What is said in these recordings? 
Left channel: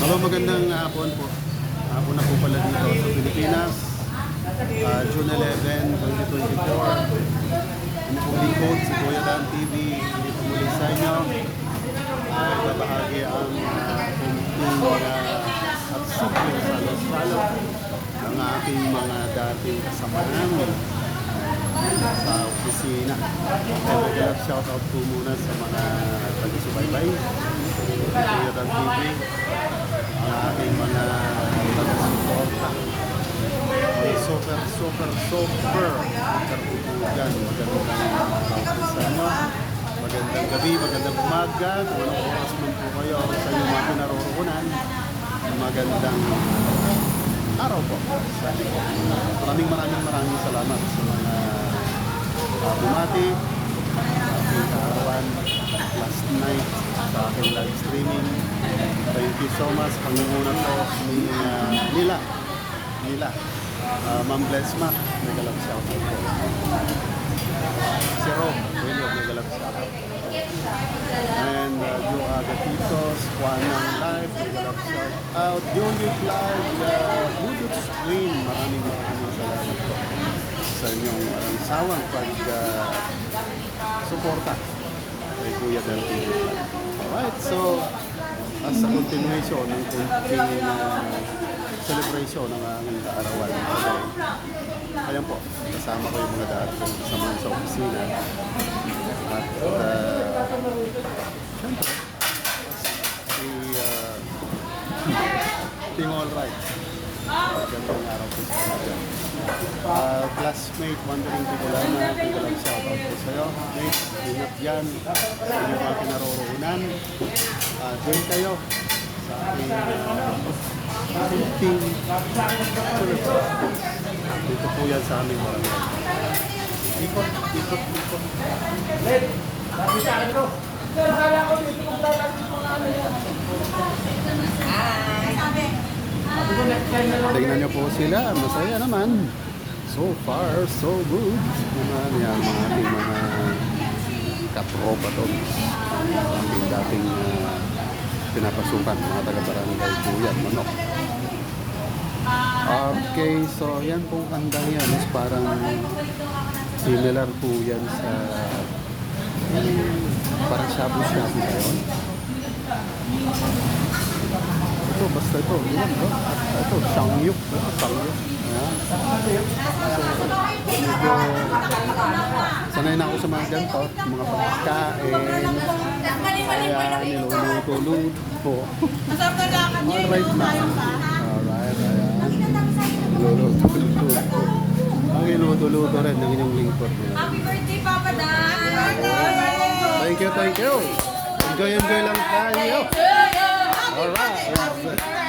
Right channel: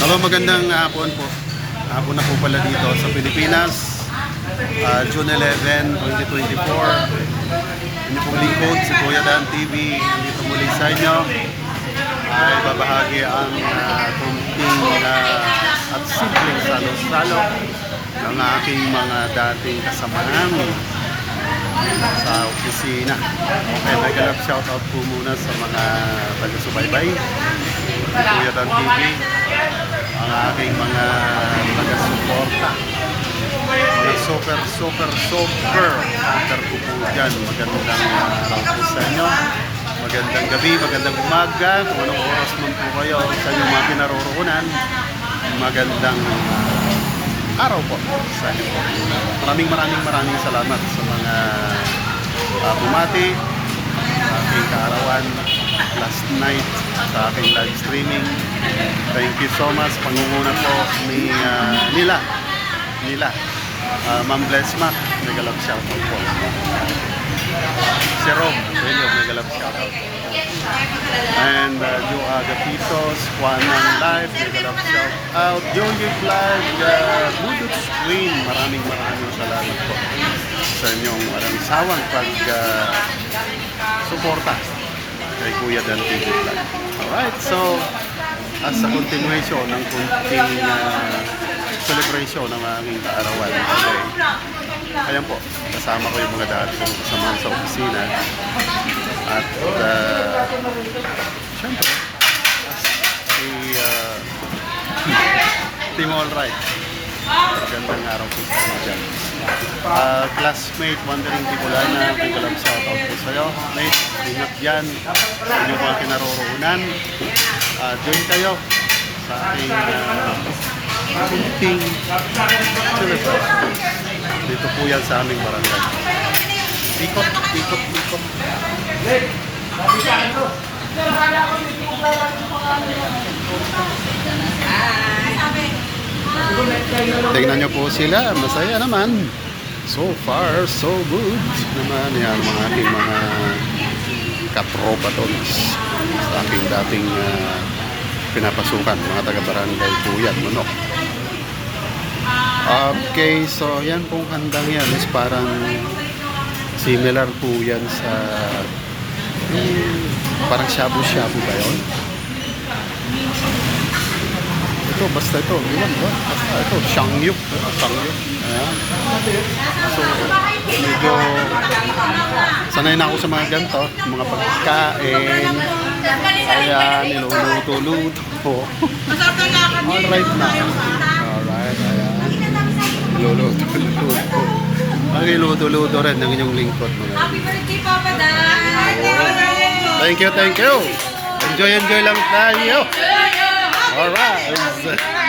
Hello, magandang hapon po. Hapon na po pala dito sa Pilipinas. Ah, June 11, 2024. Inyo pong lingkod, si Kuya Dan TV. Nandito muli sa inyo. Ay babahagi ang uh, kunting ah, at simpleng salo-salo ng aking mga dating kasamahan sa opisina. Okay, may galap shoutout po muna sa mga taga-subaybay. Kuya Dan TV, ang aking mga taga-suporta. Mga super, super, super super po po dyan. Magandang araw po sa inyo. Magandang gabi, magandang umaga. Kung anong oras man po kayo sa inyong mga pinaroroonan. Magandang ah, araw po sa inyo. Maraming maraming maraming salamat sa mga uh, bumati aking kaarawan last night sa aking live streaming. Thank you so much. Pangunguna po ni ah, nila. Nila. Uh, Ma'am Bless Mac. Mega love shoutout po. Si Rob. Really, mega love shoutout. And uh, Joe Agapitos, Juan ng Live, mega love shoutout. Joey Vlog, uh, Budots Queen. Maraming maraming salamat po sa inyong walang sawang pag uh, suporta kay Kuya Dan TV Vlog. Alright, so as a continuation ng kunting uh, celebration ng aking kaarawan today. Ayan po, kasama ko yung mga dati kong kasamahan sa opisina. At uh, syempre, si uh, Team Alright. Magandang araw po sa inyo dyan. Uh, classmate, Wandering Tibolana, big love shoutout po sa'yo. Mate, ingat yan sa inyong mga kinaroroonan. Uh, join kayo sa aking uh, kunting celebration. Dito po yan sa aming barangay. Ikot, ikot, ikot. Tingnan nyo po sila, masaya naman. So far, so good naman yan mga aking mga katropa tons sa aking dating ah, pinapasukan, mga taga-barangay po yan, manok. Okay, so yan pong handang yan is parang similar po yan sa hmm, parang shabu-shabu ba yun? Ito, basta ito, iwan ba? Basta ito, shangyuk. Ito, shangyuk. Ayan. So, medyo sanay na ako sa mga ganito, mga pagkain. Ayan, niluluto-luto. Alright na. Alright, ayan. Niluluto-luto. Ang iluto-luto rin ng inyong lingkod. Happy birthday, Papa Dan! Thank you, thank you. Enjoy, enjoy lang tayo. Alright. Happy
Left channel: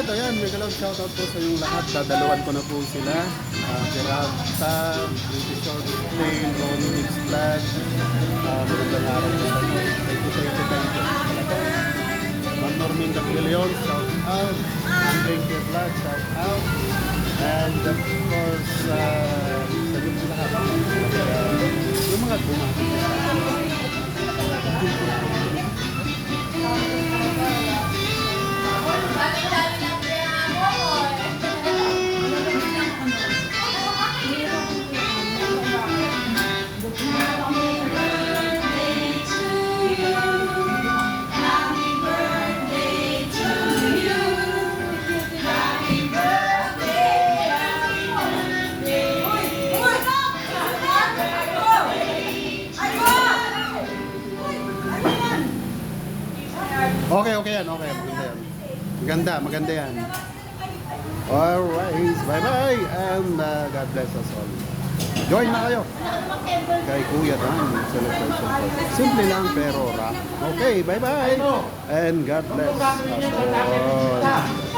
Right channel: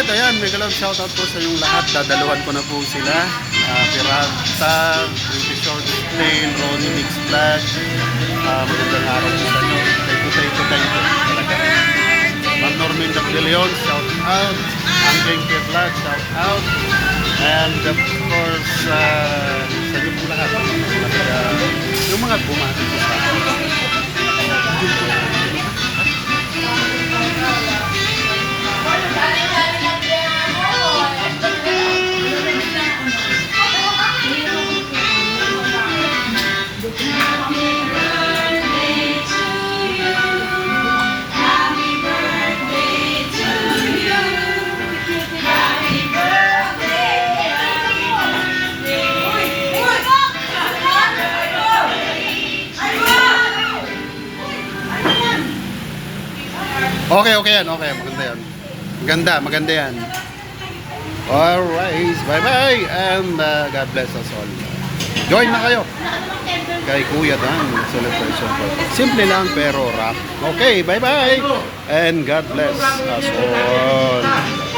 Alright, ayan, may galawang shoutout po sa inyong lahat. Dadaluhan ko na po sila. Uh, Pirata, British Short Plane, Ronnie Mix Vlog. Uh, magandang araw po sa inyo. Thank you, thank you, thank you. Talaga. Ma'am Normin De Leon, shout out. Ang Genke Vlog, shout out. And of course, uh, sa inyo po lahat. Talaga, yung mga bumati po sa akin. Okay, okay yan. Okay, maganda yan. Maganda, maganda yan. Alright, bye-bye. And uh, God bless us all. Join na kayo kay Kuya Dan celebration po. Simple lang pero rock. Okay, bye-bye. And God bless us all.